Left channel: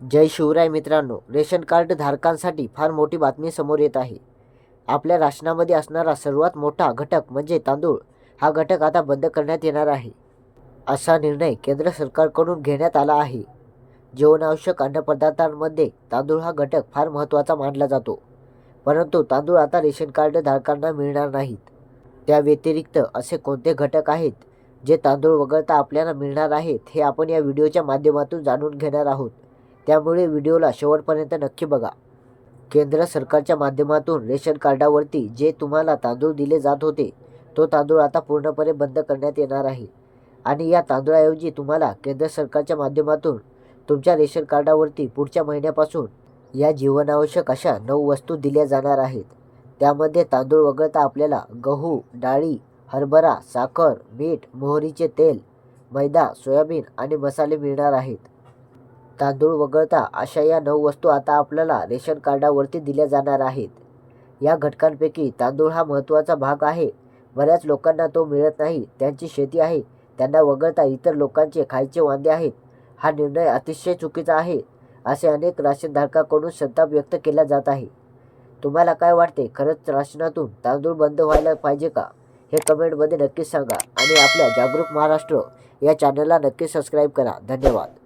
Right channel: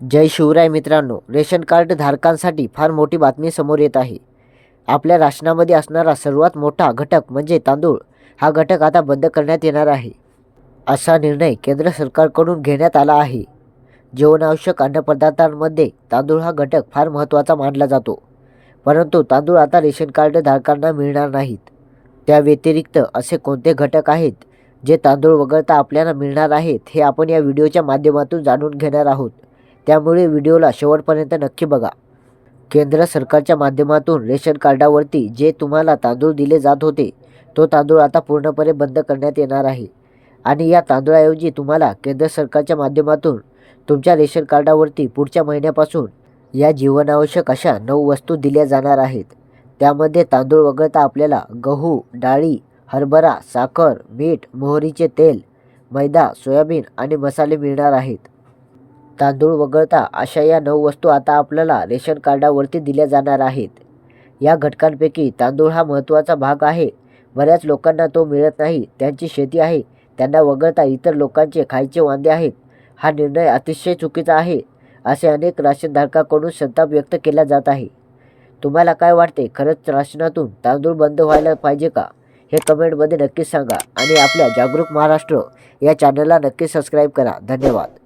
जय शिवराय मित्रांनो ration card धारकांसाठी फार मोठी बातमी समोर येत आहे. आपल्या राशनामध्ये असणारा सर्वात मोठा घटक म्हणजे तांदूळ. हा घटक आता बंद करण्यात येणार आहे. असा निर्णय केंद्र सरकारकडून घेण्यात आला आहे. जीवनावश्यक अन्नपदार्थांमध्ये तांदूळ हा घटक फार महत्त्वाचा मानला जातो. परंतु तांदूळ आता रेशन कार्ड धारकांना मिळणार नाहीत. त्या व्यतिरिक्त असे कोणते घटक आहेत जे तांदूळ वगळता आपल्याला मिळणार आहेत हे आपण या व्हिडिओच्या माध्यमातून जाणून घेणार आहोत. त्यामुळे व्हिडिओला शेवटपर्यंत नक्की बघा. केंद्र सरकारच्या माध्यमातून रेशन कार्डावरती जे तुम्हाला तांदूळ दिले जात होते तो तांदूळ आता पूर्णपणे बंद करण्यात येणार आहे. आणि या तांदूळाऐवजी तुम्हाला केंद्र सरकारच्या माध्यमातून तुमच्या रेशन कार्डावरती पुढच्या महिन्यापासून या जीवनावश्यक अशा नऊ वस्तू दिल्या जाणार आहेत. त्यामध्ये तांदूळ वगळता आपल्याला गहू डाळी हरभरा साखर मीठ मोहरीचे तेल मैदा सोयाबीन आणि मसाले मिळणार आहेत. तांदूळ वगळता अशा या नऊ वस्तू आता आपल्याला रेशन कार्डावरती दिल्या जाणार आहेत. या घटकांपैकी तांदूळ हा महत्त्वाचा भाग आहे. बऱ्याच लोकांना तो मिळत नाही. त्यांची शेती आहे. त्यांना वगळता इतर लोकांचे खायचे वांदे आहेत. हा निर्णय अतिशय चुकीचा आहे असे अनेक राशनधारकाकडून संताप व्यक्त केला जात आहे. तुम्हाला काय वाटते? खरंच राशनातून तांदूळ बंद व्हायला पाहिजे का? हे कमेंटमध्ये नक्कीच सांगा आणि आपल्या जागरूक महाराष्ट्र या चॅनलला नक्की सबस्क्राईब करा. धन्यवाद.